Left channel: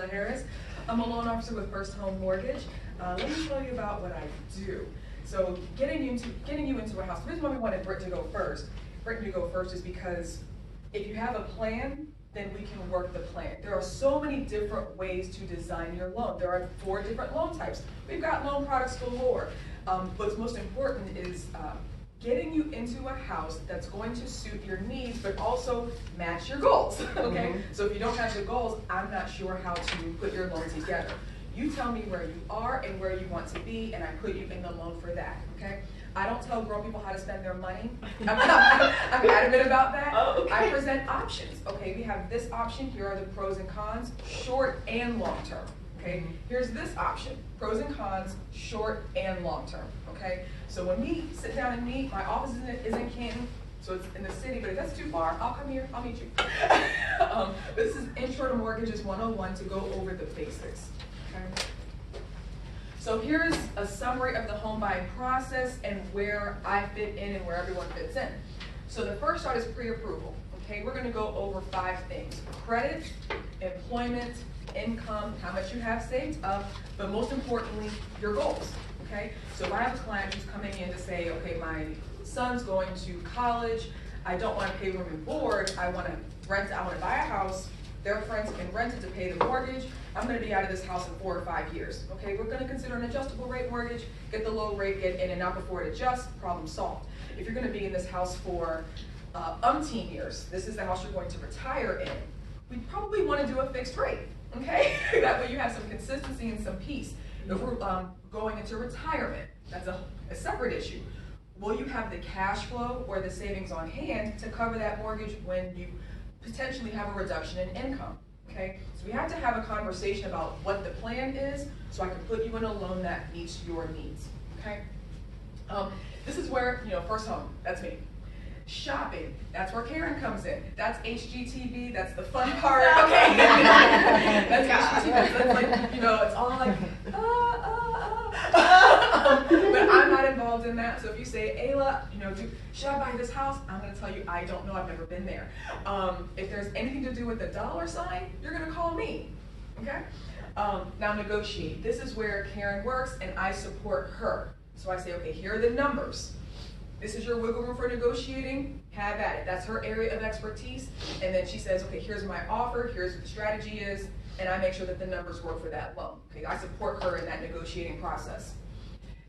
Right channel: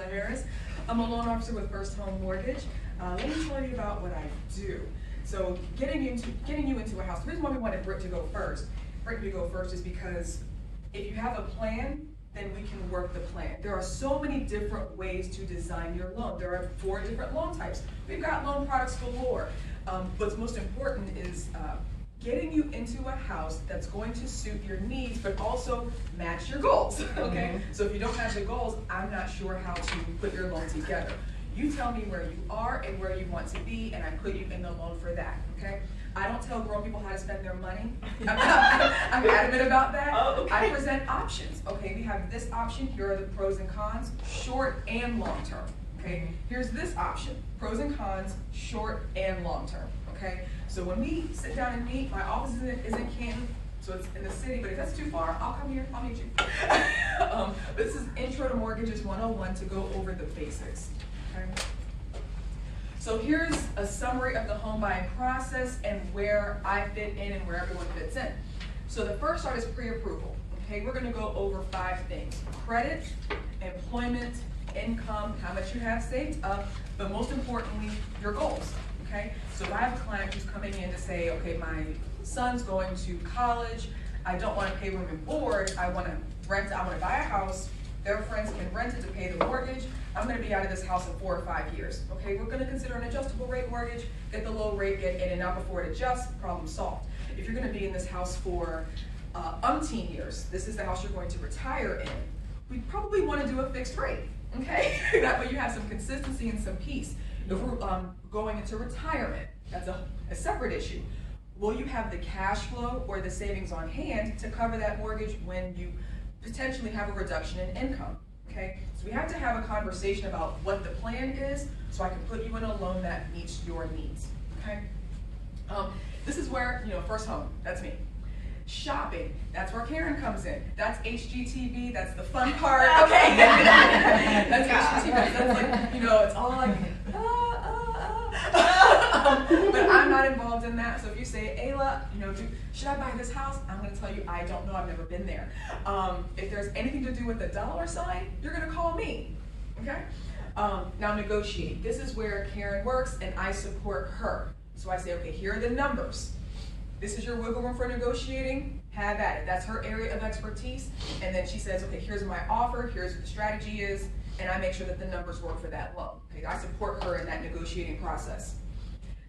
Ayla Harris. I'm a loan officer with First Home Mortgage. Let me tell you about what I do. So getting you into a house, the reason why we wanted Brittany to go first is because if you have a plan, then we can work the plan. There are so many different ways to design your loan. There are 4 different loan types. We've got loan products galore. What's most important is getting you into a house that's going to suit your needs, but also match your goals, okay? So if you don't have the goals, I'm not sure how to put your loan together. You tell me where you are and where you want to be, and I put you in the loan for that, okay? I don't tell grown people how to spend their money. I'm adamant about that. Oh, okay. I present options, okay? We have this option, here are the pros and cons, short and long term, okay? Here's this option, pros and cons, short and long term, okay? So when we sit down and meet, my office is in Canton, so it's in the city, but if that's too far, I'll come here, I'll meet you. This is Intro to Mortgages 101 to go over the basics, okay? So here's a summary of the home buying process and where I fit in and where everyone fits in. So the first part is pre-approval, okay? We're gonna go over 5 things: credit, employment, income, how much you have saved up, but most importantly, your goals, okay? So if I have a client who's coming in to say, okay, my son's going to college, I don't wanna pay room and board, I wanna rent, I wanna buy a house, their friends can rent it to pay the mortgage, I'm gonna be out of this house in 4 or 5 years, okay? We're gonna consider an adjustable rate mortgage, get the low rate, get in and out before it adjusts, problem solved. If you're gonna be in this house for umpteen years, this is the house you're going to retire in, we probably wanna do a fixed rate, okay? That way you have some consistency and some peace. If we're going into retirement, that's a separate issue. Will you have the cash flow or the savings on hand to cover that mortgage when you potentially have a reduction in income, okay? So we have to have a conversation about what the plan is so I can put you in a loan that meets your needs, okay? This is where, First Home, that's me. Shopping, that's where Karen comes in. That's HGTV, that's the fun part, okay? That's HGTV, that's like, it's all like, but I'm not involved in that. So if you say, Ayla, should I buy this house? I'm gonna tell you, I don't know, I've never been there. If there's anything to do with the dollar sign, you're gonna call me, okay? Now negotiate. This is where Karen works and I support her. So I say, okay, here are the numbers. This is your wiggle room for negotiating, have at it. That's her area of expertise. And then she says, okay, here's my offer, here's what the strategy is, and I make sure that the numbers work for that loan. Okay, I support her in that negotiating process.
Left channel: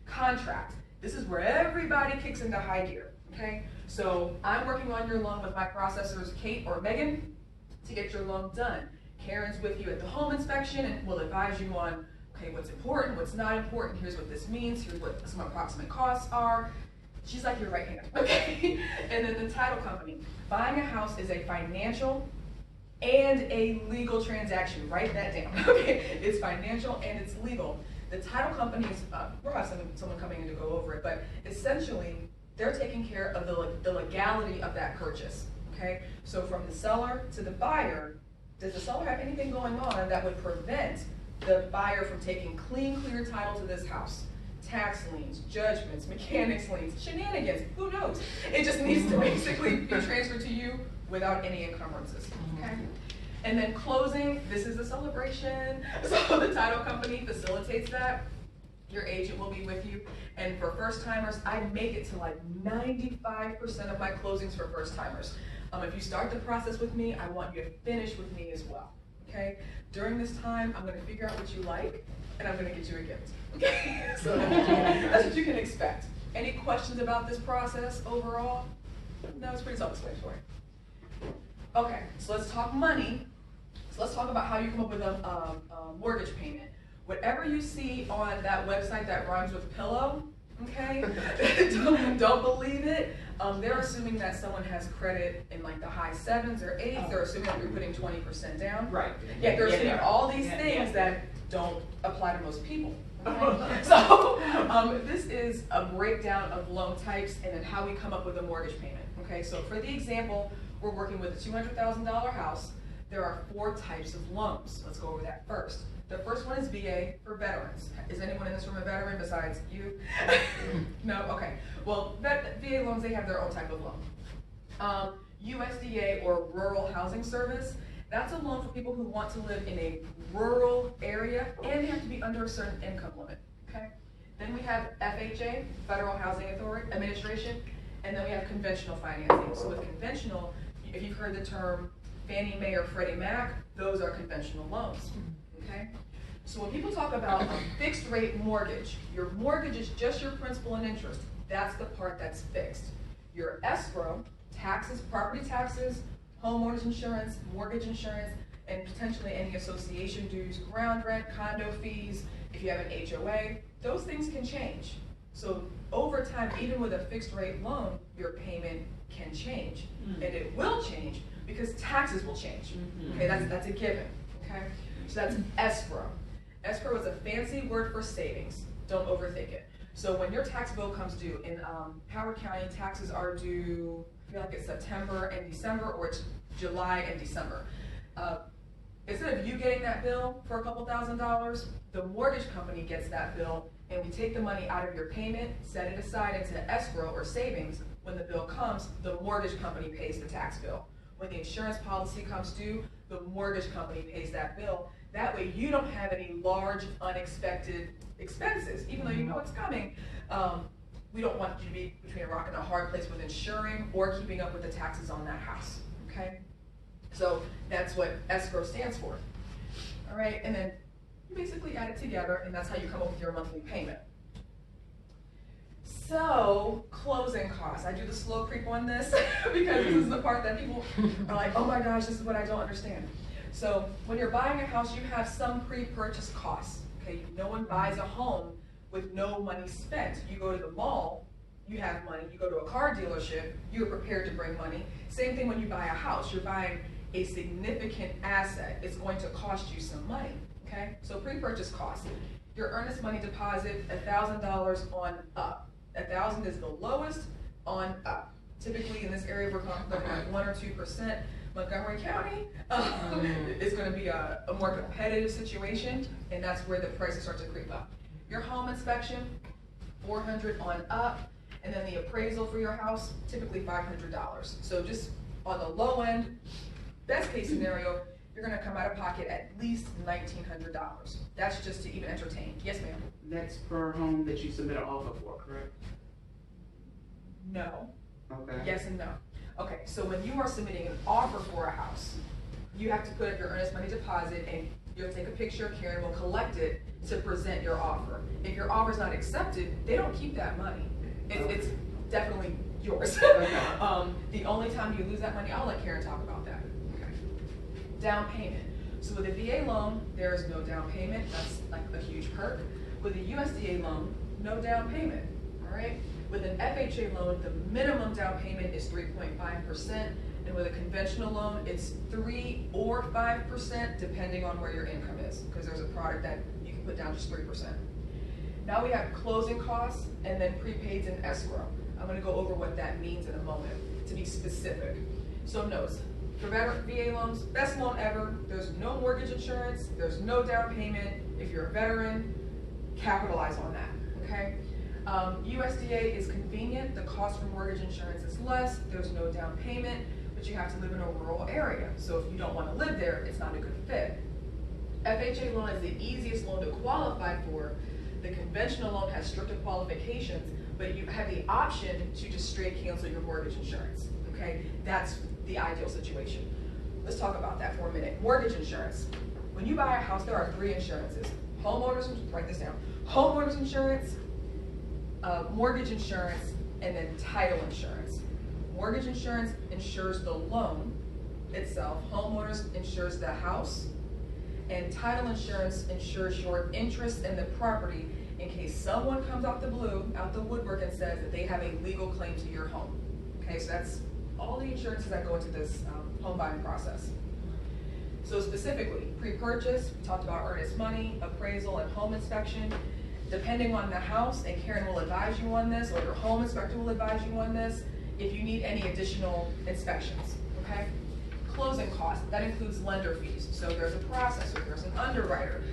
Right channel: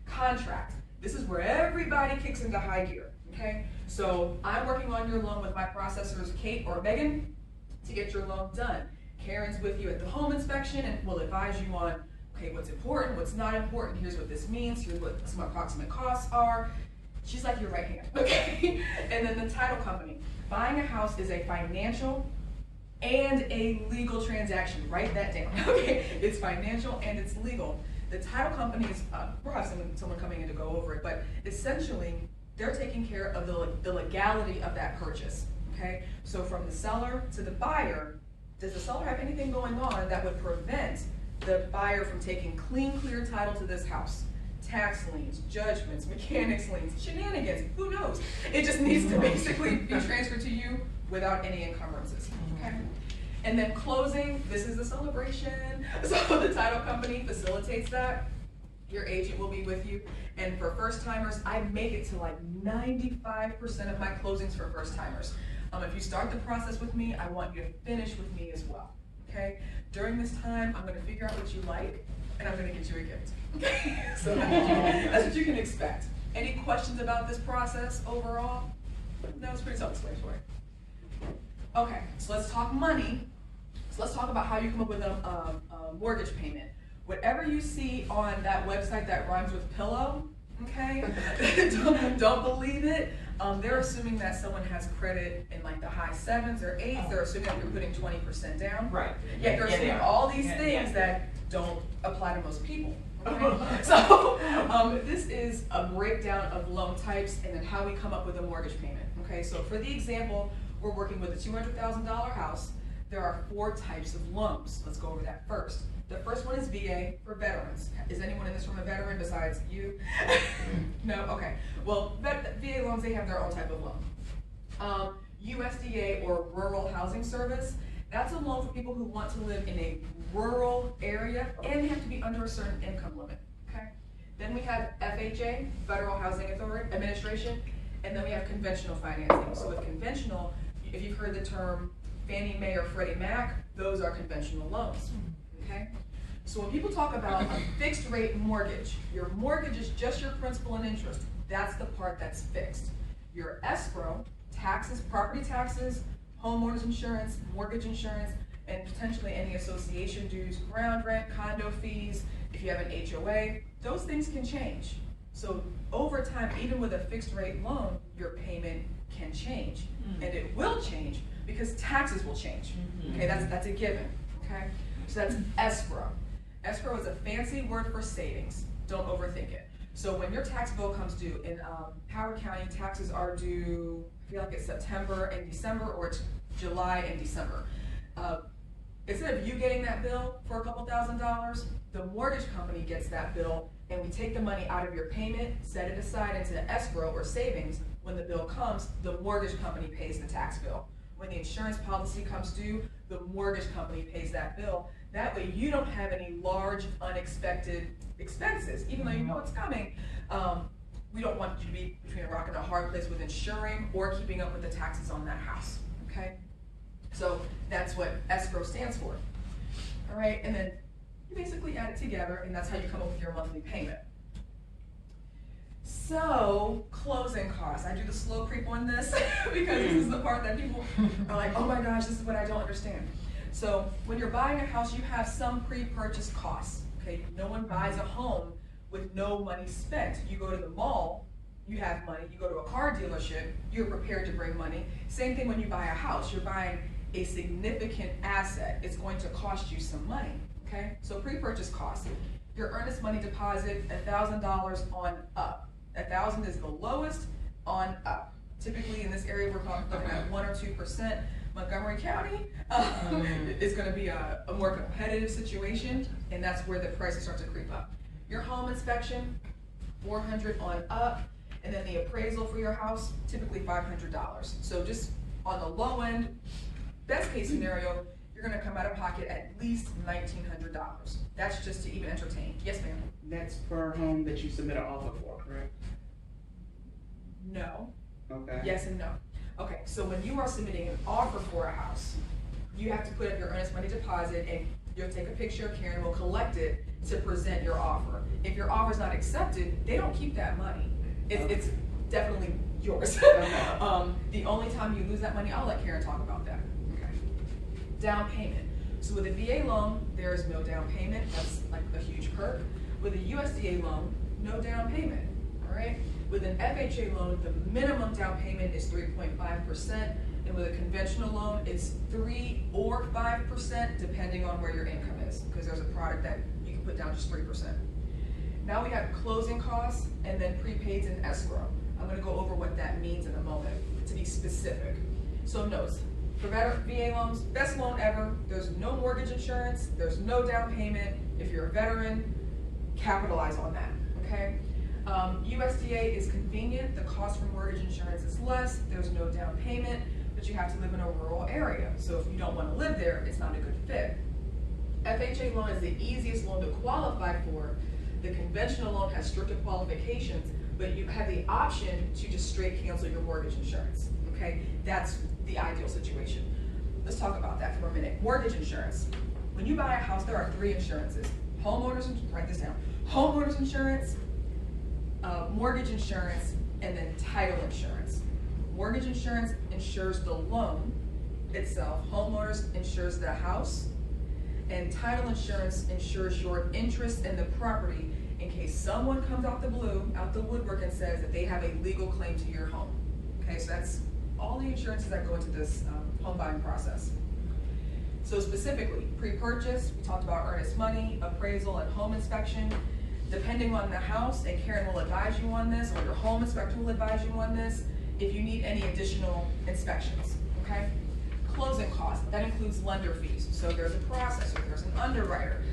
Contract. This is where everybody kicks into high gear, okay? So I'm working on your loan with my processors, Kate or Megan, to get your loan done. Karen's with you at the home inspection and will advise you on, okay, what's important, what's not important, here's what this means, here's what some approximate costs are. She's like your right hand, okay? And then the title company. Buying a house is a financial and a legal transaction. Write that down, okay? It's financial and it's legal. The title company is, we'll have someone coming in to go over it, but essentially, they're taking care of the legality of that purchase, okay? So from the seller to the buyer, does the seller have anything going on that would prevent the buyer from taking clear title to this house? Tax liens, judgments, mechanics liens, shenanigans, who knows? It just needs to basically be transferred to you without any encumbrances, okay? And then closing, this is a celebration. So the title company facilitates that. Your agent will be with you. And for first timers, I make it to like 95% of my closings for first timers. If you start the process with me, I want you to finish with me as well, okay? During this time, I'm gonna figure out what you like, and I'm gonna get you a gift, okay? So that's what you can expect. Any questions about this process overall? No, it's pretty self-explanatory. Okay, so let's talk money. So let's talk about how you come up with a mortgage payment. Whatever you see on that website that rhymes with pillow, okay? don't believe it. They're assuming that someone has credit in like the high 7s or 8s. They're assuming that you're putting 20% down. Right. Yeah, they're assuming all these things that don't apply to most people. Okay? So this is a breakdown of loan types and then how we come up with a mortgage payment. Okay, so for the example, we're working with a $200,000 house. There are 4 types of loans. Let's go over that first. The first one is VA for veterans. Is anyone in this room a veteran besides you? No? Okay. Well, VA loans, they have their own type of loan. USDA or Rural Housing Service, That's a loan for people who want to live in a rural area and they have to be under a certain income limit, okay? Then we have FHA, Federal Housing Authority Administration, and then we have conventional financing. So with conventional, if you've heard the term Fannie Mae or Freddie Mac, those are conventional loans, okay? So when people talk about a fixed rate mortgage, your mortgage is just your principal and interest. That's the part that's fixed. Your escrow, taxes, property taxes, homeowners insurance, mortgage insurance, and potentially any association dues, ground rent, condo fees, if you have an HOA, those things can change. So over time, even with a fixed rate loan, your payment can change. And it will change because taxes will change. Okay, that's a given, okay? So that's escrow. Escrow is a fancy word for savings. Don't overthink it. So when your tax bill comes due, in Howard County, taxes are due, I feel like it's September and December, or it's July and December. Instead of you getting that bill for a couple $1,000s, the mortgage company gets that bill, and we take the money out of your payment, set it aside into escrow or savings. When the bill comes, the mortgage company pays the tax bill. When the insurance policy comes due, the mortgage company pays that bill. That way you don't have any large unexpected expenses, even though you know it's coming. We don't want you to be between a rock and a hard place with insuring or keeping up with the taxes on that house, okay? So that's what escrow stands for. All right, and then you basically add it together, and that's how you come up with your monthly payment. So, closing costs. I do the slow creep on this because this is the part that people are like, oh my gosh, this is what I don't understand. So, when you're buying a house, you have some pre-purchase costs, okay? No one buys a home with no money spent. You go to the mall, you have money. You go to a car dealership, you're prepared to bring money. Same thing when you buy a house. You're buying a significant asset. It's going to cost you some money, okay? So pre-purchase costs. Your earnest money deposit, $1,000 on up. 1,000 is the lowest, on up. Typically in this area, we're looking at 1 or 2%. Montgomery County is going to be a more competitive situation, and that's where the prices start to creep up. Your home inspection, $400 on up, and then the appraisal for your house, typically $500. So just on the low end, best case scenario, you're going to come out of pocket at least $1,900. That's just to even entertain. Yes, ma'am. That's per home that you submit an offer for, correct? No. Okay. Yes and no. Okay, so when you are submitting an offer for a house, you have to put up your earnest money deposit, and you'll take a picture, Karen will collect it to present your offer. If your offer is not accepted, they don't keep that money. It's definitely yours. The only time you lose that money, I'll let Karen talk about that. Okay. Down payment. So with a VA loan, there is no down payment. That's like a huge perk. With a USDA loan, no down payment. All right. With an FHA loan, the minimum down payment is 3.5%, and with a conventional loan, it's 3 or 5%, depending on where your income is, because there's a product that you can put down just 3%. Now we have closing costs, and then prepaids and escrow. I'm going to go over what that means in a moment, to be specific. So notes, for VA loans, best loan ever, there's no mortgage insurance, there's no down payment. If you're a veteran, capitalize on that, okay? USDA is convenient, the cost for mortgage insurance is less, there's no down payment, but you have to live in a rural area. So if you don't want to live there, it's not a good fit. FHA loan is the easiest loan to qualify for. The conventional loan has stricter qualifications, but you have the option to just straight cancel your mortgage insurance, okay? That's the ideal situation. Let's talk about that for a minute. Mortgage insurance. When you buy a house, there are 3 insurances. Homeowners, write this down. Homeowners insurance, mortgage insurance, and then title insurance. Mortgage insurance insures the loan itself. Homeowners insures the house. And title insurance insures your interest in the property in case someone comes out the blue, out the woodwork, and says that they have a legal claim to your home. Okay, so that's all the insurances that go into this home buying process. So specifically, pre-purchase, we talked about earnest money, appraisal, and home inspection. Depending on the house, and Karen will advise you on this, or your home inspector will advise you on this, if you need any additional inspections, okay? Closing costs, that includes lender fees. So there's a processor, there's an underwriter,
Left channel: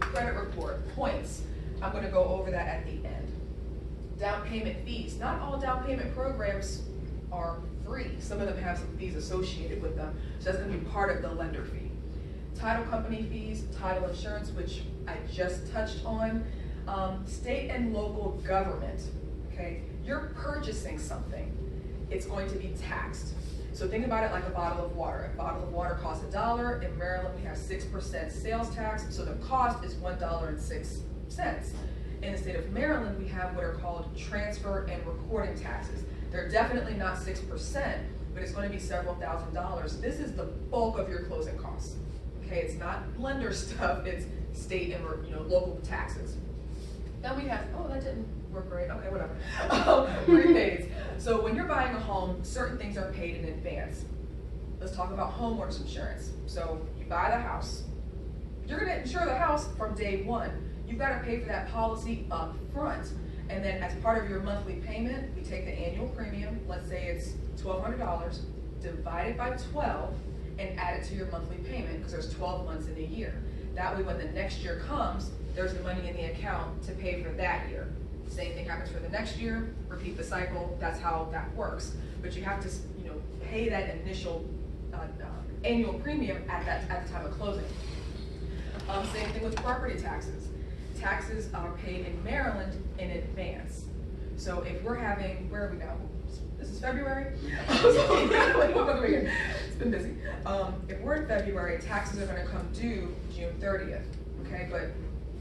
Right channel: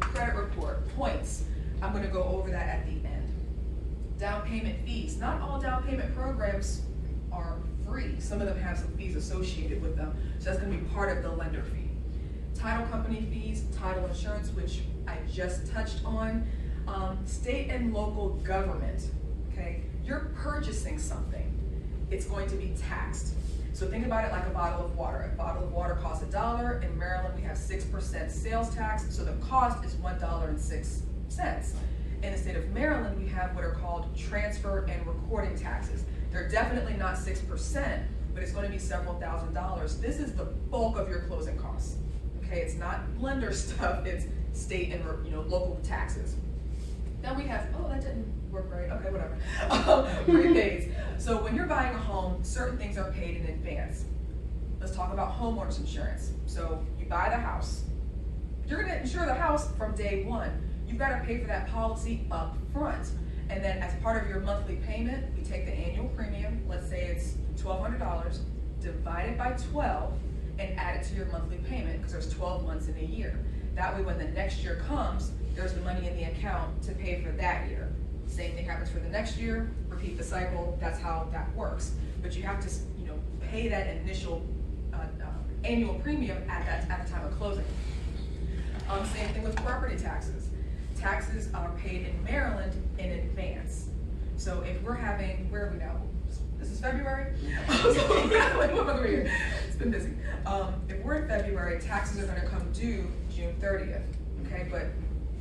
credit report, points. I'm going to go over that at the end. Down payment fees. Not all down payment programs are free. Some of them have some fees associated with them, so that's gonna be part of the lender fee. Title company fees, title insurance, which I just touched on, state and local government, okay? You're purchasing something, it's going to be taxed. So think about it like a bottle of water. A bottle of water costs $1. In Maryland, we have 6% sales tax, so the cost is $1.06. In the state of Maryland, we have what are called transfer and recording taxes. They're definitely not 6%, but it's going to be several $1,000s. This is the bulk of your closing costs. Okay, it's not lender stuff, it's state and local taxes. Then we have, oh, that didn't work right, okay, whatever. Prepaids. So when you're buying a home, certain things are paid in advance. Let's talk about homeowners insurance. So you buy the house. You're gonna insure the house from day one. You've got to pay for that policy up front. And then as part of your monthly payment, we take the annual premium, let's say it's $1,200, divide it by 12, and add it to your monthly payment, because there's 12 months in a year. That way when the next year comes, there's the money in the account to pay for that year. Same thing happens for the next year, repeat the cycle, that's how that works. But you have to pay that initial annual premium at the time of closing. Same thing with property taxes. Taxes are paid in Maryland in advance. So if we're having, where are we now? This is February? It's been busy. If we're in February, taxes are gonna come due June 30th, okay? But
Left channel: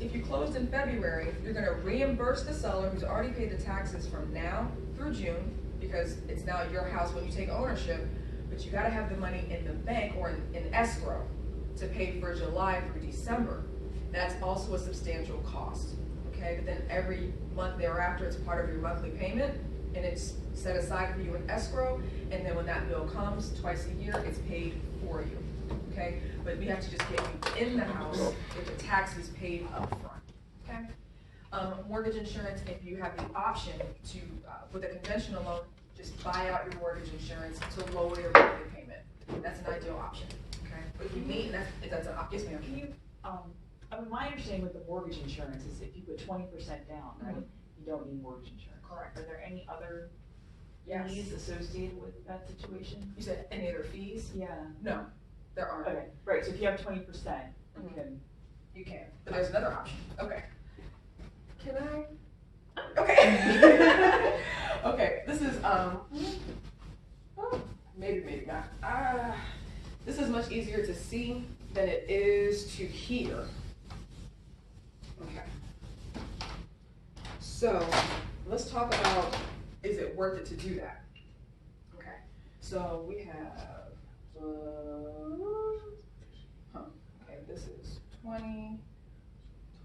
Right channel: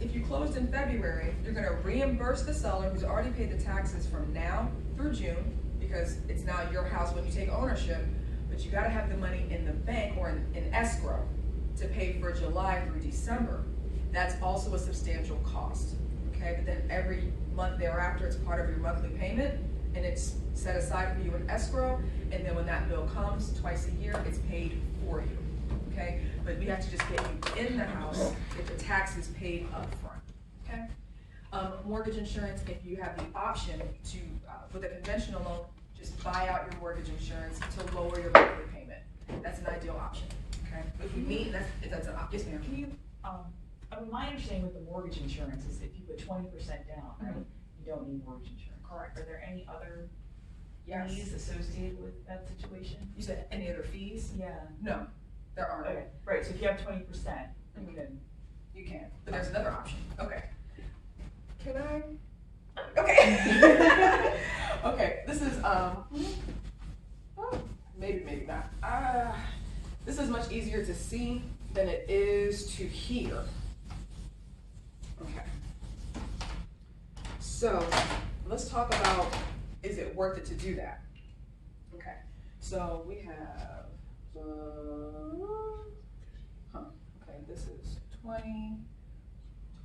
if you closed in February, you're gonna reimburse the seller who's already paid the taxes from now through June, because it's now your house when you take ownership, but you gotta have the money in the bank or in escrow to pay for July through December. That's also a substantial cost, okay? But then every month thereafter, it's part of your monthly payment, and it's set aside for you in escrow, and then when that bill comes twice a year, it's paid for you, okay? But we have to just get you in the house if the tax is paid up front, okay? Mortgage insurance, if you have the option to, with a conventional loan, just buy out your mortgage insurance to lower your monthly payment. That's an ideal option, okay? If you need, that's an option. Yes, ma'am. Can you, I mean, my understanding with the mortgage insurance is if you put 20% down, right, you don't need mortgage insurance. Correct. Are there any other Yes. fees associated with that situation? You said any other fees? Yeah. No, there aren't. Okay, right, so if you have 20%, you Mhm. can. You can, but there's another option. Okay. Can I? Okay. Okay, this is, maybe not. This is much easier to see than it is to hear. Okay. So, let's talk about, is it worth it to do that? Okay, so we have, okay, this is 20,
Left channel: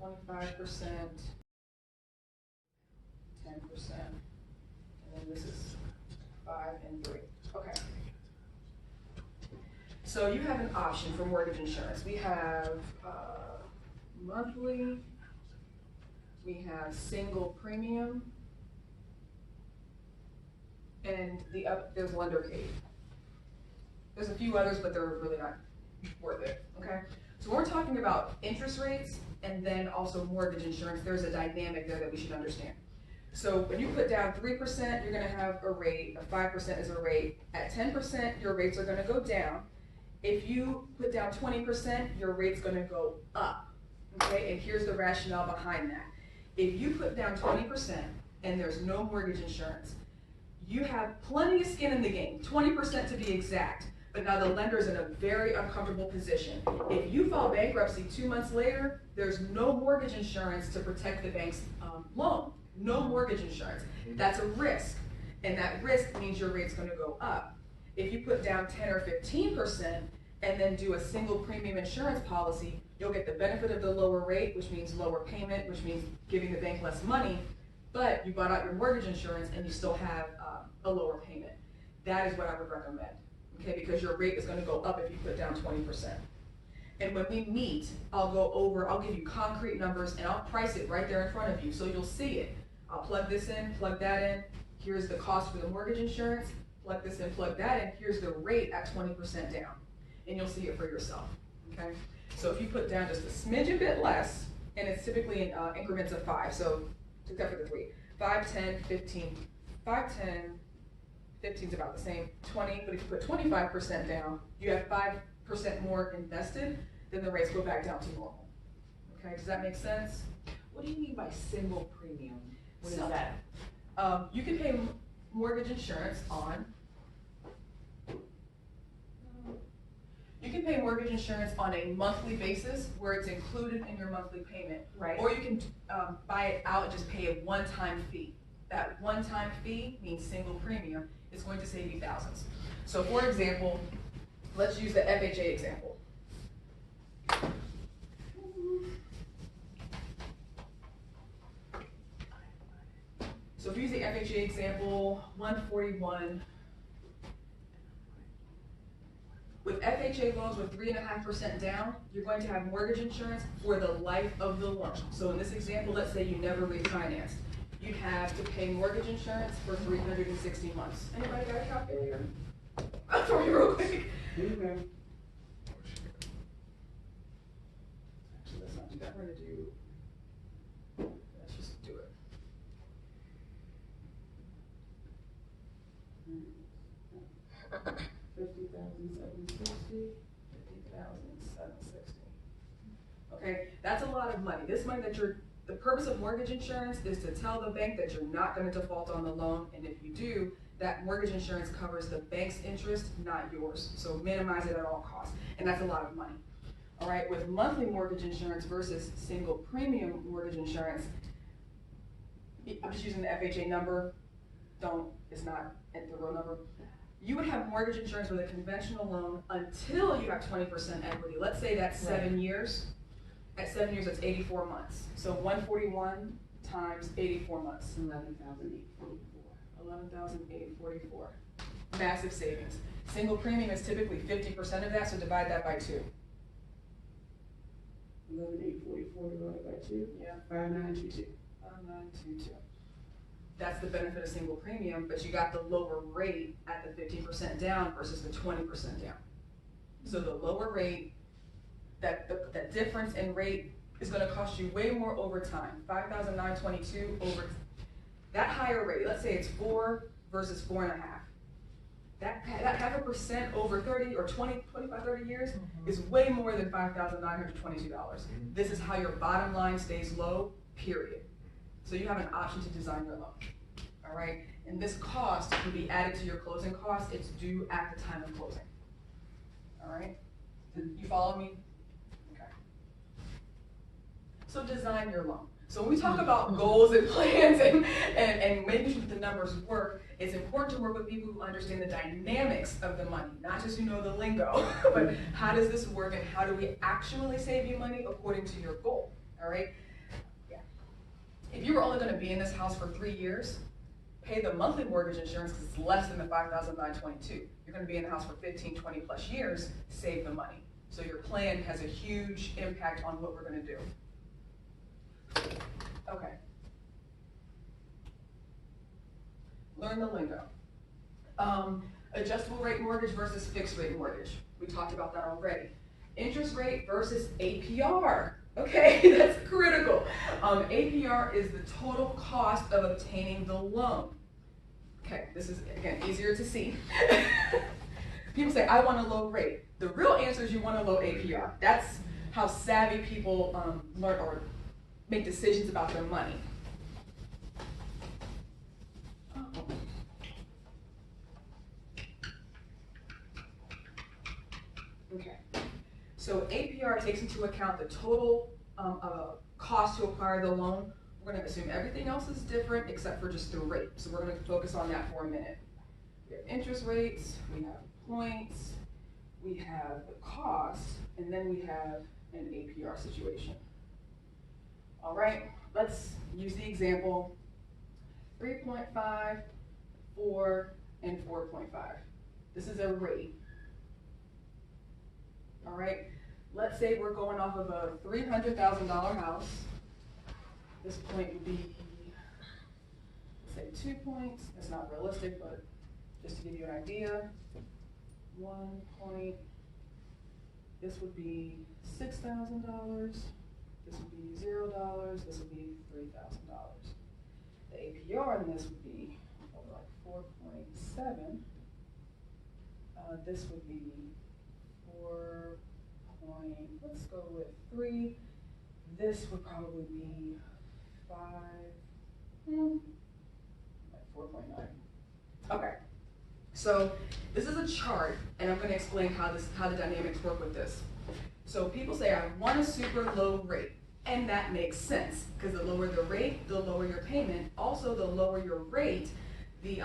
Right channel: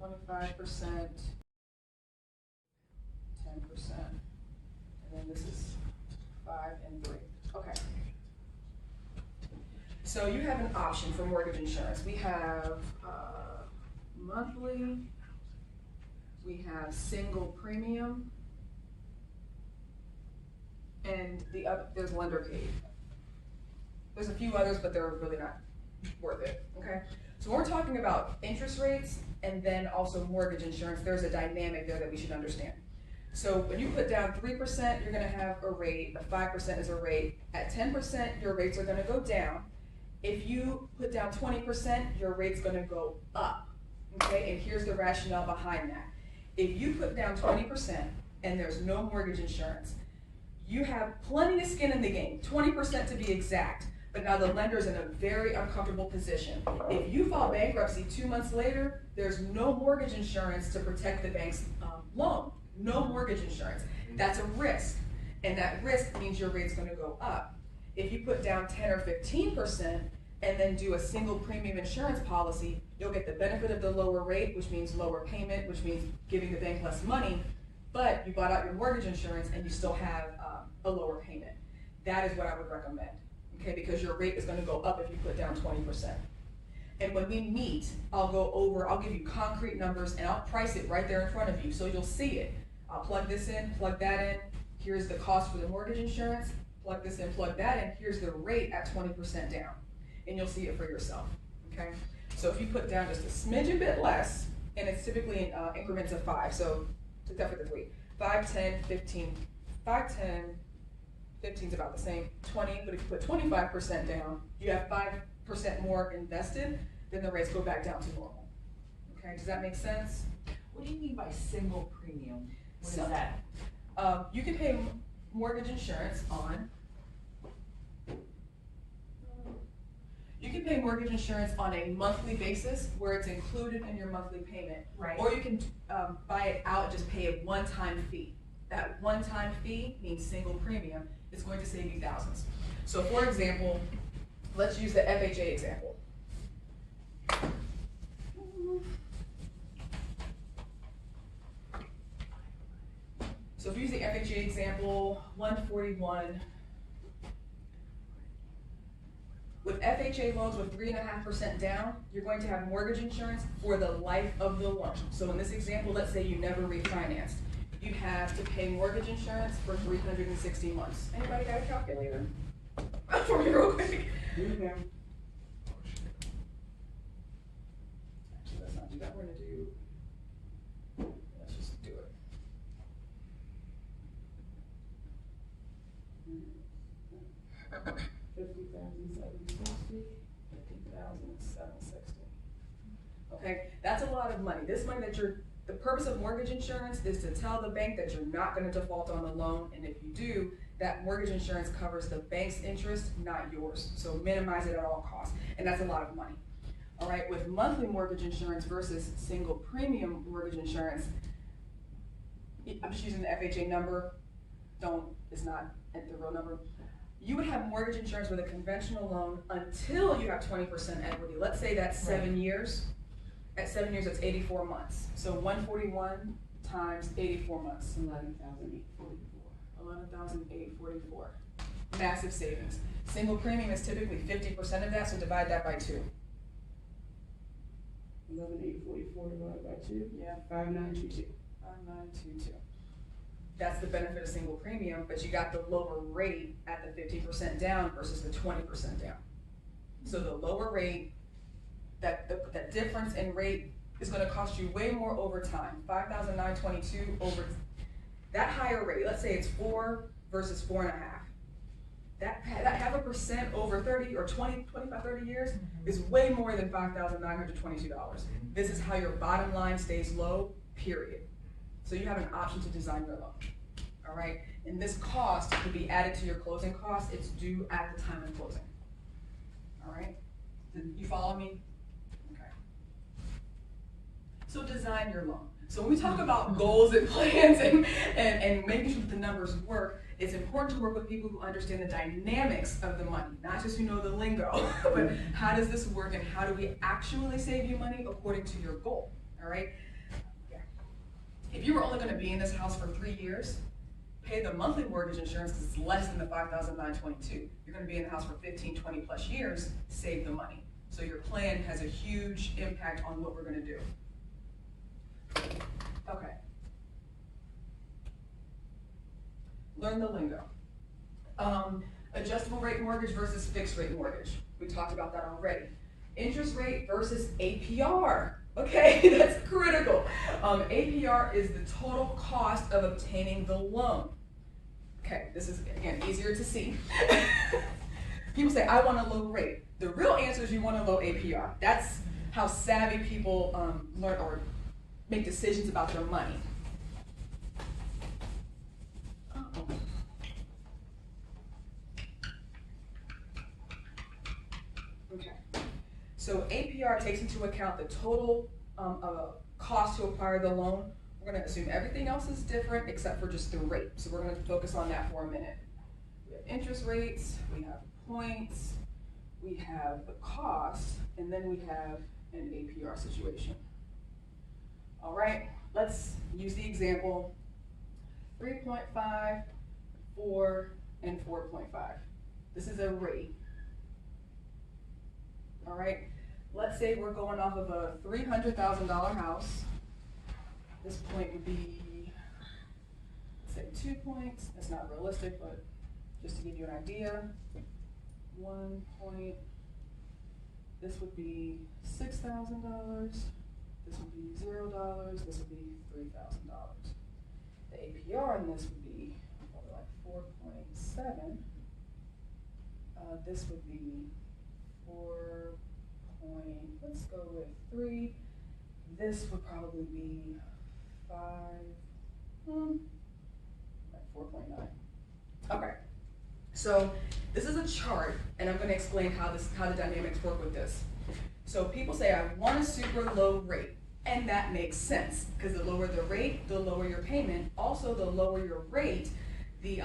25%, 10%, and then this is 5 and 3. Okay. So you have an option for mortgage insurance. We have monthly, we have single premium, and there's lender paid. There's a few others, but they're really not worth it, okay? So when we're talking about interest rates and then also mortgage insurance, there's a dynamic there that we should understand. So when you put down 3%, you're gonna have a rate, 5% is a rate. At 10%, your rates are gonna go down. If you put down 20%, your rate's gonna go up, okay? And here's the rationale behind that. If you put down 20% and there's no mortgage insurance, you have plenty of skin in the game, 20% to be exact. But now the lender's in a very uncomfortable position. If you file bankruptcy 2 months later, there's no mortgage insurance to protect the bank's loan. No mortgage insurance. That's a risk. And that risk means your rate's gonna go up. If you put down 10 or 15% and then do a single premium insurance policy, you'll get the benefit of the lower rate, which means lower payment, which means giving the bank less money, but you bought out your mortgage insurance and you still have a lower payment. That is what I would recommend, okay? Because your rate is gonna go up if you put down 20%. And when we meet, I'll give you concrete numbers and I'll price it right there in front of you so you'll see it. I'll plug this in, plug that in. Here's the cost for the mortgage insurance. Plug this in, plug that in. Here's the rate at 20% down. And you'll see it for yourself, okay? So if you put down just a smidgen bit less, and it's typically in increments of 5, so except for the 3, 5, 10, 15, 5, 10, 15's about the same, 20, but if you put 25% down, you have 5% more invested, then the rates go back down to normal. Okay, does that make sense? What do you mean by single premium? What is So- that? You can pay mortgage insurance on, you can pay mortgage insurance on a monthly basis where it's included in your monthly payment. Right. Or you can buy it out and just pay a one-time fee. That one-time fee means single premium. It's going to save you thousands. So for example, let's use the FHA example. So if we use the FHA example, 141. With FHA loans with 3.5% down, you're going to have mortgage insurance for the life of the loan. So in this example, let's say you never refinanced. You have to pay mortgage insurance for 360 months. Anybody got a calculator? For me real quick. Okay. Actually, let's not do that. We're gonna do, let's just do it. $50,760. Okay, that's a lot of money. This money that the purpose of mortgage insurance is to tell the bank that you're not gonna default on the loan, and if you do, that mortgage insurance covers the bank's interest, not yours. So minimize it at all costs, and that's a lot of money. All right, with monthly mortgage insurance versus single premium mortgage insurance, I'm just using the FHA number, it's not the real number. You would have mortgage insurance with a conventional loan until you have 20% equity. Let's say that's 7 years. At 7 years, it's 84 months. So 141 times 84 months. 11,844. 11,844. Massive savings. Single premium is typically 50% of that, so divide that by 2. 11,844 divided by 2. Yeah. 5922. 5922. That's the benefit of single premium, but you got the lower rate at the 50% down versus the 20% down. So the lower rate, that difference in rate is gonna cost you way more over time. 5,922 over, that higher rate, let's say it's 4 versus 4.5. That 0.5% over 30 or 20, 25, 30 years is way more than $5,922. This is how your bottom line stays low, period. So you have an option to design your loan, all right? And this cost can be added to your closing costs. It's due at the time of closing, all right? You follow me? Okay. So design your loan. So when we talk about goals and plans and making sure that the numbers work, it's important to work with people who understand the dynamics of the money, not just who know the lingo, but how does this work and how do we actually save you money according to your goal, all right? If you were only gonna be in this house for 3 years, pay the monthly mortgage insurance because it's less than the $5,922. You're gonna be in the house for 15, 20 plus years, save the money. So your plan has a huge impact on what we're gonna do. Okay. Learn the lingo. Adjustable rate mortgage versus fixed rate mortgage. We talked about that already. Interest rate versus APR. Okay, that's critical. APR is the total cost of obtaining the loan. Okay, this is, again, easier to see. People say, I want a low rate. The real answer is you want a low APR. That's how savvy people learn or make decisions about their money. Okay. So APR takes into account the total cost to acquire the loan. We're going to assume everything else is different except for just the rate. So we're going to focus on that for a minute. We have interest rates, we have points, we have the cost, and then we have an APR situation. All right, let's use the example 3.5, 4, and 4.5. This is a rate. All right, let's say we're going off of a $300,000 house. This point would be, let's say 2 points. That's not realistic, but just to give you an idea. 1 point, this would be $6,000. This would be $0. This would be $3,000. The APR in this would be like 4.7, this would be 4 point, let's go with 3. This would probably be 5, like 4.9. Okay, so this is a chart, and I'm going to explain how the dynamics work with this. So people say, I want a super low rate, and that makes sense, because the lower the rate, the lower your payment. Also, the lower your rate, the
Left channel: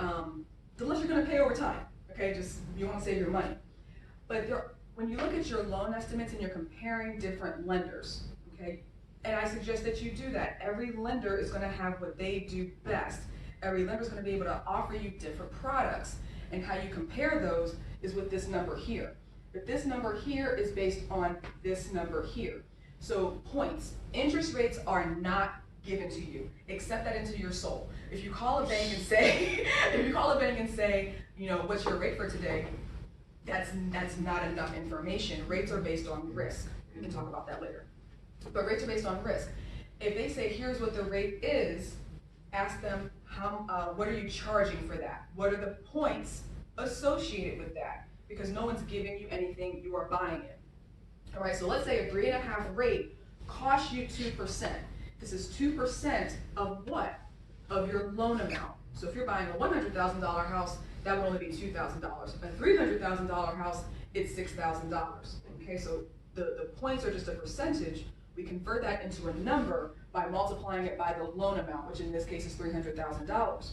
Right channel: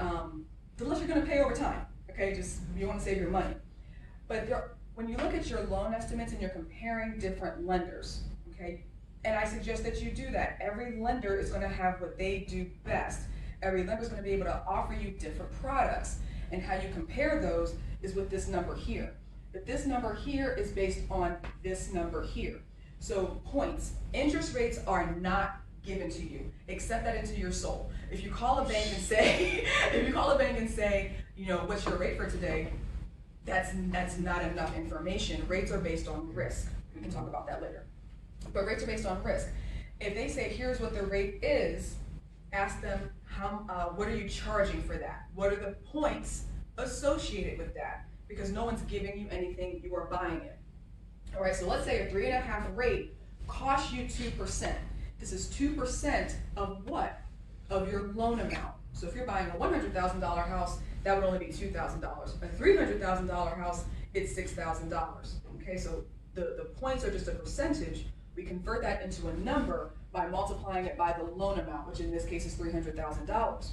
less you're going to pay over time. Okay, just you want to save your money. But when you look at your loan estimates and you're comparing different lenders, okay, and I suggest that you do that. Every lender is going to have what they do best. Every lender is going to be able to offer you different products, and how you compare those is with this number here. But this number here is based on this number here. So points, interest rates are not given to you. Accept that into your soul. If you call a bank and say, you know, what's your rate for today? That's not enough information. Rates are based on risk. We can talk about that later. But rates are based on risk. If they say, here's what the rate is, ask them, what are you charging for that? What are the points associated with that? Because no one's giving you anything, you are buying it. All right, so let's say a 3.5 rate costs you 2%. This is 2% of what? Of your loan amount. So if you're buying a $100,000 house, that would only be $2,000. A $300,000 house, it's $6,000. Okay, so the points are just a percentage. We convert that into a number by multiplying it by the loan amount, which in this case is $300,000.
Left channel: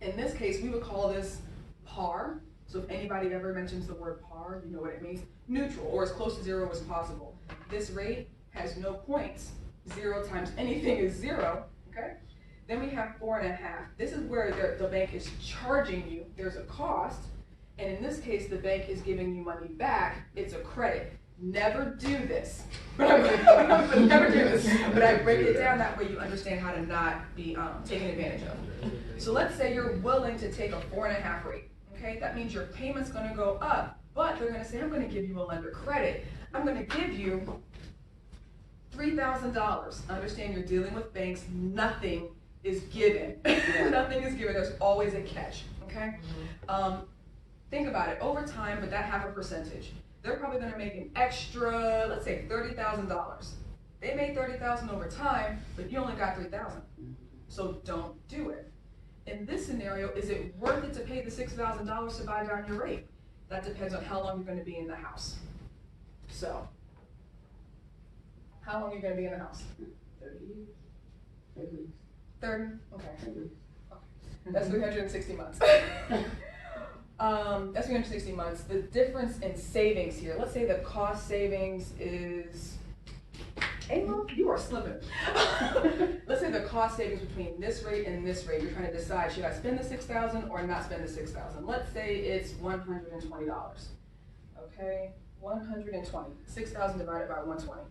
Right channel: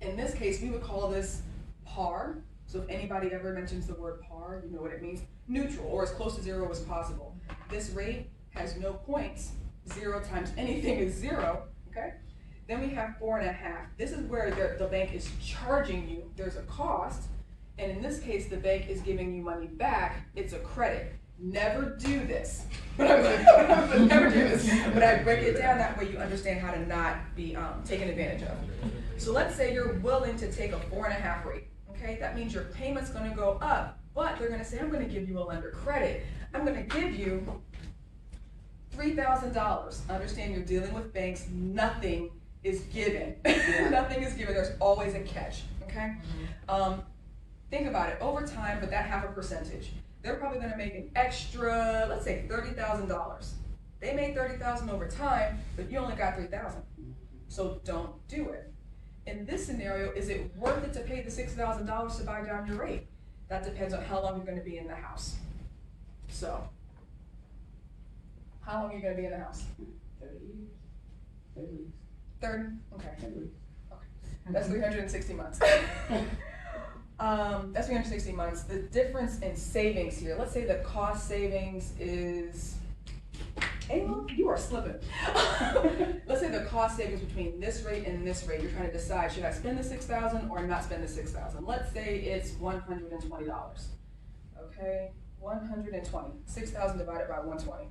In this case, we would call this par. So if anybody ever mentions the word par, you know what it means. Neutral, or as close to 0 as possible. This rate has no points. 0 times anything is 0, okay? Then we have 4.5. This is where the bank is charging you. There's a cost, and in this case, the bank is giving you money back. It's a credit. Never do this, but never do this. But I break it down that way you understand how to not be taken advantage of. So let's say you're willing to take a 4.5 rate. Okay, that means your payment's going to go up, but they're going to say, I'm going to give you a lender credit. I'm going to give you $3,000. Understand you're dealing with banks. Nothing is given. Nothing is given. There's always a catch. Okay. Think about it over time, but that half a percentage. They're probably going to make an extra, let's say $30,000. They made $30,000 over time, but you only got $3,000. So don't do it. In this scenario, is it worth it to pay the $6,000 to buy down your rate? That depends on how long you're going to be in the house. So, how long are you going to be in the house? 30. 30? Okay. 30. Okay. That's 360 months. That's 360 months. The difference in savings here, let's say the cost savings is, Ayla, you are slipping. Let's say the cost savings between this rate and this rate, you're trying to decide, should I spend the $6,000 or not spend the $6,000? Let's say it's $120. Okay, 120. 6,000 divided by 120.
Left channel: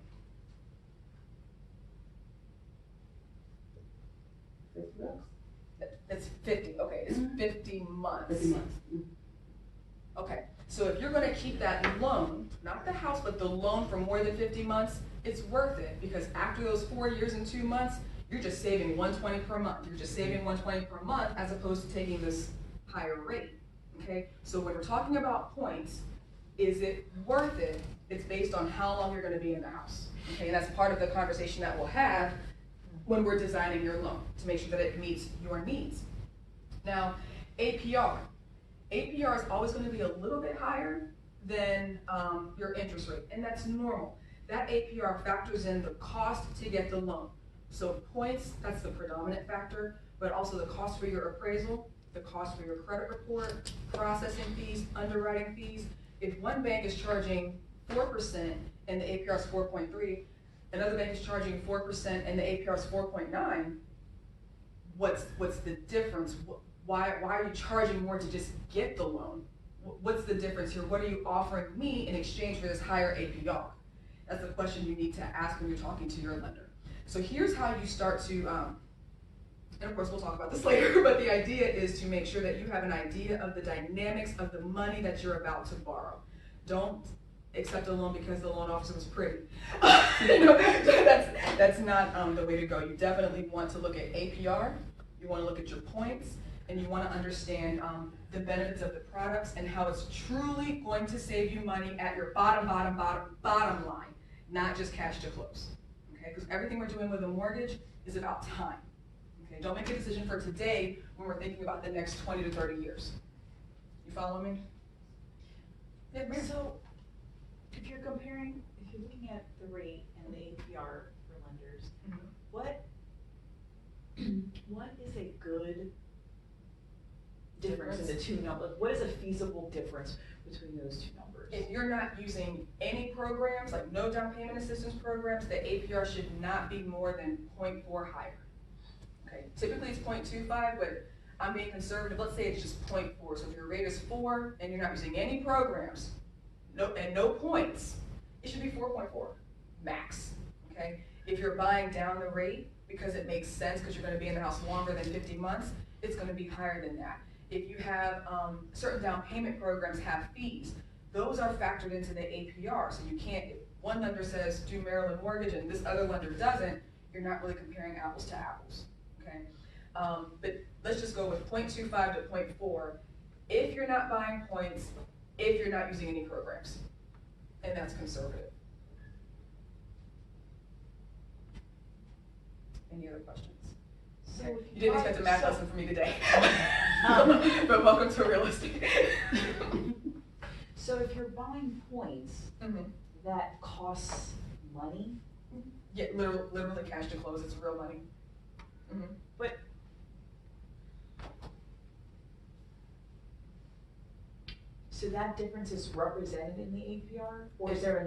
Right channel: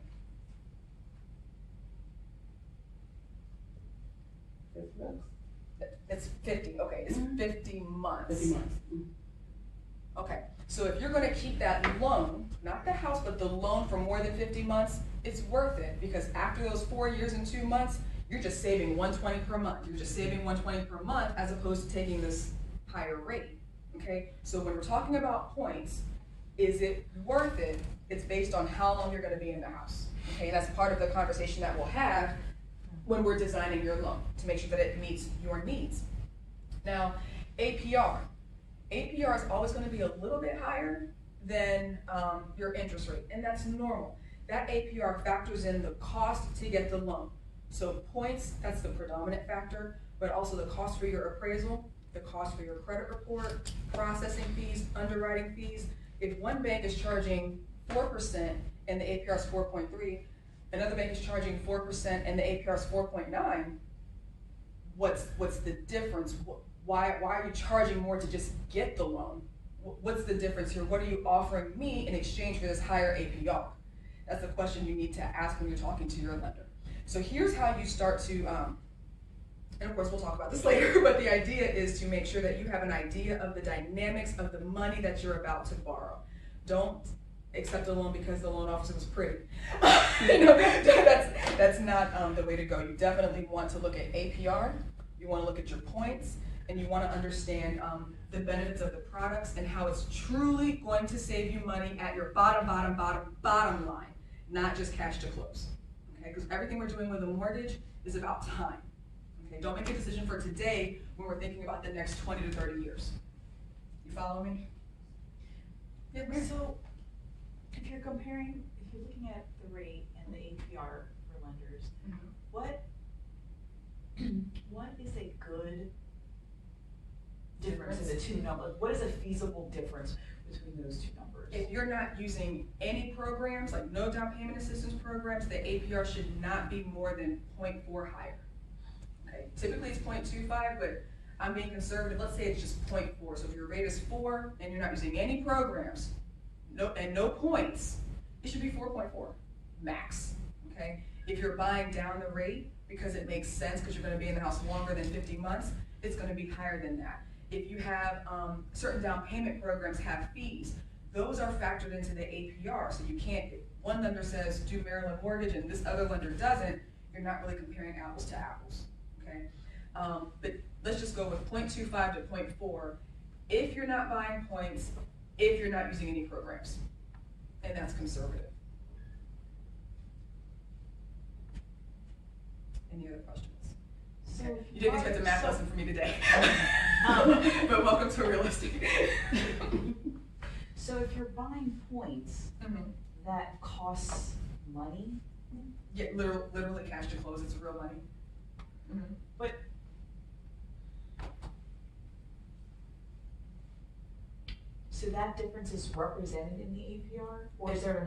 That's 50. Okay, it's 50 months. 50 months. Okay, so if you're going to keep that loan, not the house, but the loan for more than 50 months, it's worth it, because after those 4 years and 2 months, you're just saving $120 per month. You're just saving $120 per month as opposed to taking this higher rate. Okay, so when we're talking about points, is it worth it? It's based on how long you're going to be in the house. Okay, and that's part of the conversation that we'll have when we're designing your loan to make sure that it meets your needs. Now, APR. APR is always going to be a little bit higher than your interest rate, and that's normal. That APR factors in the cost to get the loan. So points, that's the predominant factor, but also the cost for your appraisal, the cost for your credit report, processing fees, underwriting fees. If one bank is charging 4% and the APR is 4.3, another bank is charging 4% and the APR is 4.9, what's the difference? Why are you charging more to just get the loan? What's the difference here? What are you offering me in exchange for this higher APR? That's the question you need to ask when you're talking to your lender. So here's how you start to, and of course we'll talk about this later, but the idea is to make sure that you have an idea of the dynamics of the money that you're about to borrow. Don't accept a loan because the loan officer was pretty. That's not the way to go. You definitely want to look at APR, you want to look at your points, and you want to understand the benefits of the products and how it's truly going to save you money at your bottom line, not just cash to close. Okay, because everything we're doing with a mortgage is about time. Okay, don't make a decision for today when we're thinking about the next 20 to 30 years. You follow me? Yeah, Mary. So, if you're looking at the rate and the APR for lenders, Mhm. what is a good difference in the two numbers? What is a feasible difference between those two numbers? If you're not using any programs, like no down payment assistance programs, the APR should not be more than 0.4 higher. Okay, typically it's 0.25, but I'm being conservative. Let's say it's just 0.4. So if your rate is 4 and you're not using any programs, no points, it should be 4.4 max. Okay, if you're buying down the rate because it makes sense because you're going to be in the house longer than 50 months, it's going to be higher than that. If you have certain down payment programs have fees, those are factored into the APR. So you can't, if one lender says do Maryland mortgage and this other lender doesn't, you're not really comparing apples to apples. Okay, but let's just go with 0.25 to 0.4 if you're not buying points, if you're not using any programs, and that's conservative. Any other questions? So Okay. if You didn't buy- expect a math so- lesson from me today. No. But welcome to real estate. So if you're buying points, Mhm. that costs money, Yeah, literally cash to close, it's real money. Mhm. but so that difference is represented in the APR? Or is there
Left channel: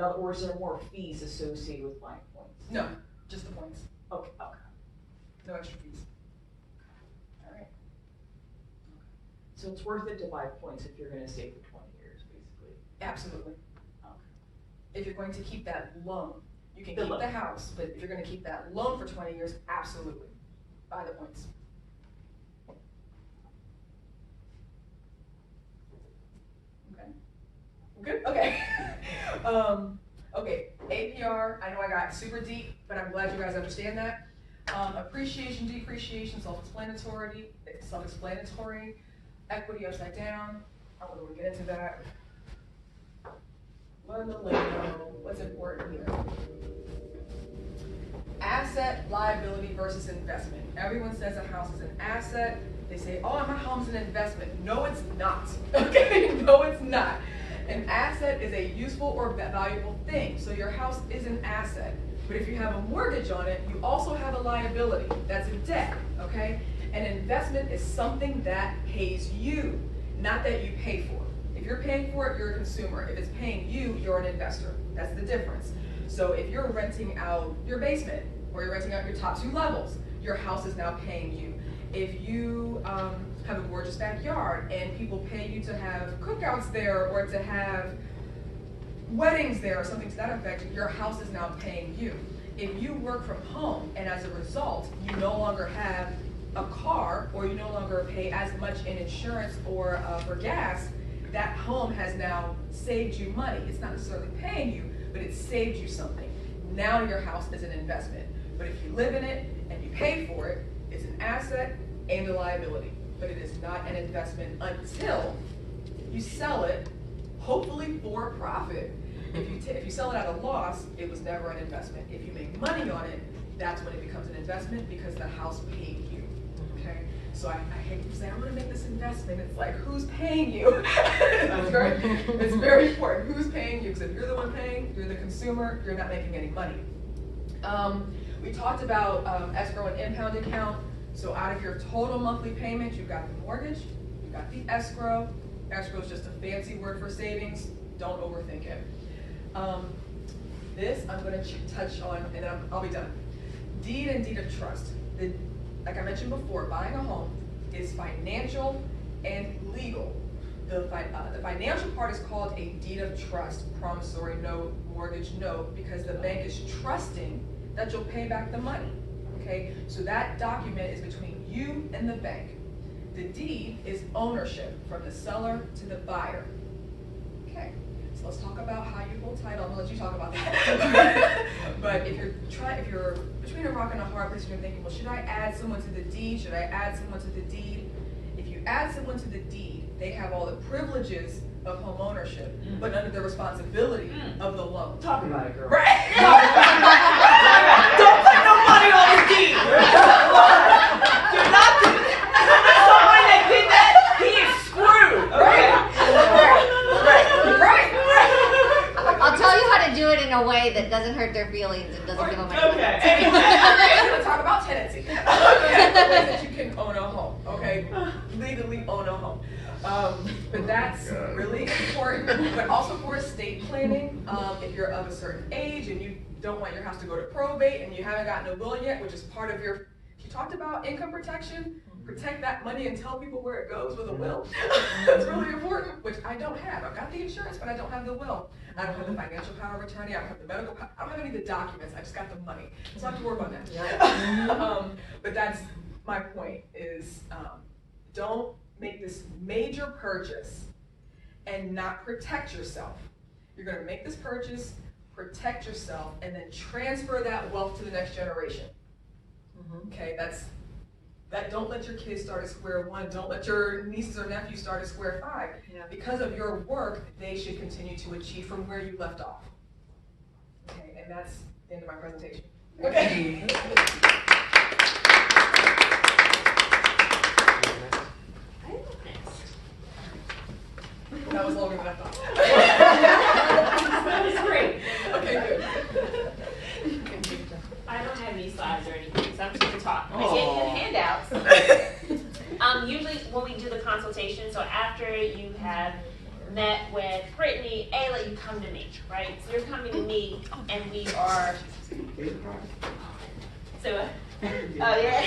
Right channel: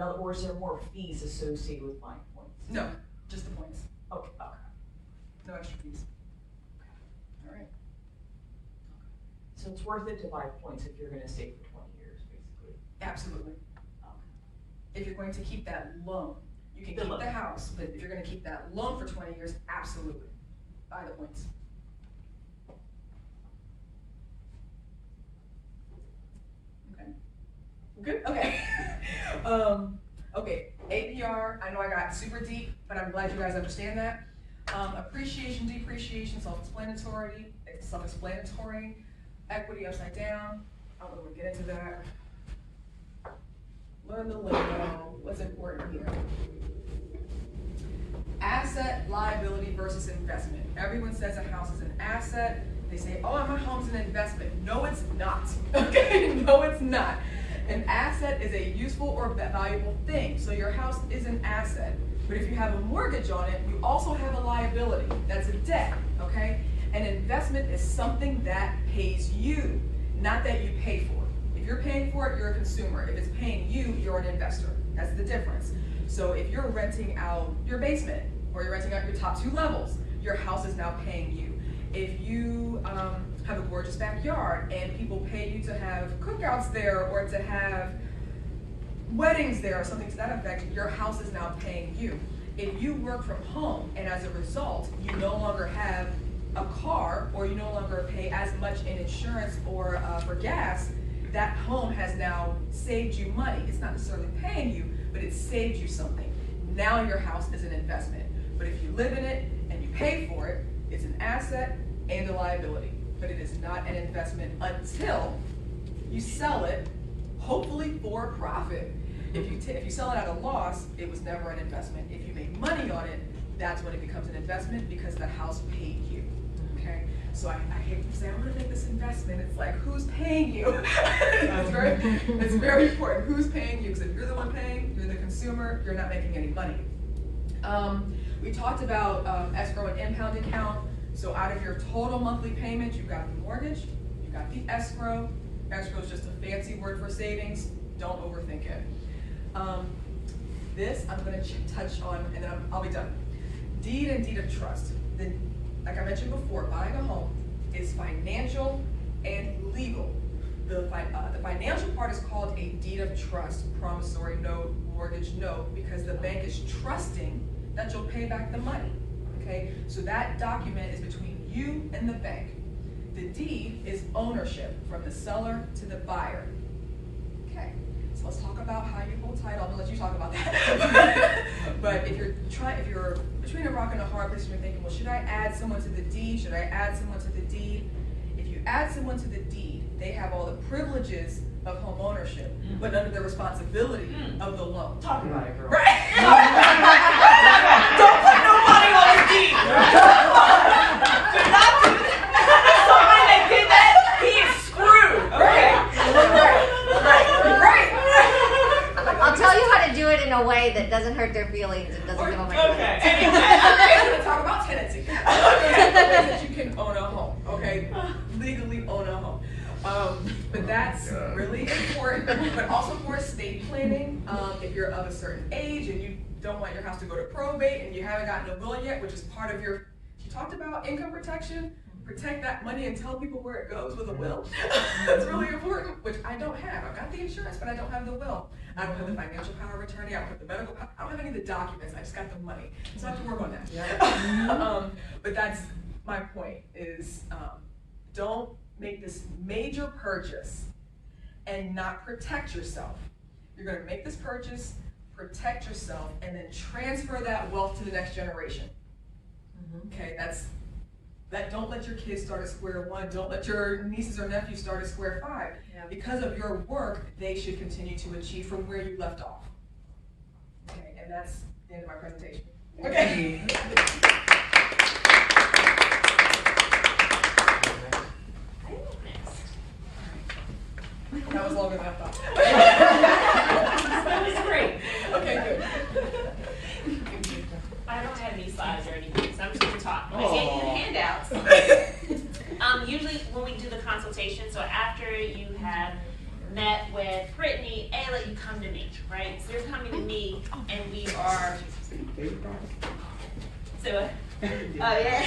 more fees associated with buying points? No, just the points, Okay. no extra fees. All right. So it's worth it to buy points if you're gonna stay for 20 years, basically. Absolutely. Okay. If you're going to keep that loan, you can The keep loan. the house, but if you're gonna keep that loan for 20 years, absolutely, buy the points. Okay. Good, okay. Okay, APR, I know I got super deep, but I'm glad you guys understand that. Appreciation, depreciation, self-explanatory, equity upside down, I don't really want to get into that. Learn the lingo, what's important here. Asset, liability versus investment. Everyone says a house is an asset. They say, oh, my home's an investment. No, it's not, okay? No, it's not. An asset is a useful or valuable thing, so your house is an asset. But if you have a mortgage on it, you also have a liability. That's a debt, okay? An investment is something that pays you, not that you pay for. If you're paying for it, you're a consumer. If it's paying you, you're an investor. That's the difference. So if you're renting out your basement, or you're renting out your top 2 levels, your house is now paying you. If you have a gorgeous backyard and people pay you to have cookouts there or to have weddings there or something to that effect, your house is now paying you. If you work from home and as a result, you no longer have a car or you no longer pay as much in insurance or for gas, that home has now saved you money. It's not necessarily paying you, but it saved you something. Now your house is an investment. But if you live in it and you pay for it, it's an asset and a liability. But it is not an investment until you sell it, hopefully for profit. If you sell it at a loss, it was never an investment. If you make money on it, that's when it becomes an investment because the house paid you, okay? So I hate to say, I'm gonna make this investment. It's like, who's paying you? It's very important. Who's paying you? Because if you're the one paying, you're the consumer, you're not making any money. We talked about escrow and impound account. So out of your total monthly payment, you've got the mortgage, you've got the escrow. Escrow is just a fancy word for savings. Don't overthink it. This I'm going to touch on, and then I'll be done. Deed and deed of trust. Like I mentioned before, buying a home is financial and legal. The financial part is called a deed of trust, promissory note, mortgage note, because the bank is trusting that you'll pay back the money. Okay, so that document is between you and the bank. The deed is ownership from the seller to the buyer. Okay, so let's talk about how you hold title. I'm gonna let you talk about that. But if you're between a rock and a hard place and you're thinking, well, should I add someone to the deed? Should I add someone to the deed? If you add someone to the deed, they have all the privileges of home ownership, but under the responsibility of the loan. Talk about it, girl. Right? Don't put nobody on your deed. Do not do that. Somebody that did that, he is screwed. Okay? Right. I'll tell you how to do it in a way that doesn't hurt their feelings and doesn't give them a Okay. I'm going to talk about tenancy. The ways that you can own a home, okay? Legally own a home. But that's really important. But also for estate planning, if you're of a certain age and you don't want your house to go to probate and you haven't gotten a will yet, which is part of your, you talked about income protection, protect that money and tell people where it goes with a will. That's really important, which I don't have. I've got the insurance, but I don't have the will. I don't have the financial power of attorney. I don't have the medical power. I don't have any of the documents. I just got the money. So I have to work on that. But that's my point is don't make this major purchase and not protect yourself. You're going to make this purchase, protect yourself, and then transfer that wealth to the next generation. Okay, don't let your kids start at square one. Don't let your nieces or nephews start at square five. Yeah. Because of your work, they should continue to achieve from where you left off. Okay, and that's the end of my presentation. Okay. That was longer than I thought. That was great. Okay, good. I don't have any slides or anything, so I'm just gonna talk. I gave you handouts. Usually when we do the consultation, so after you have met with Brittany, Ayla, you come to me, right? So you're coming to me, and we are. So, oh yeah.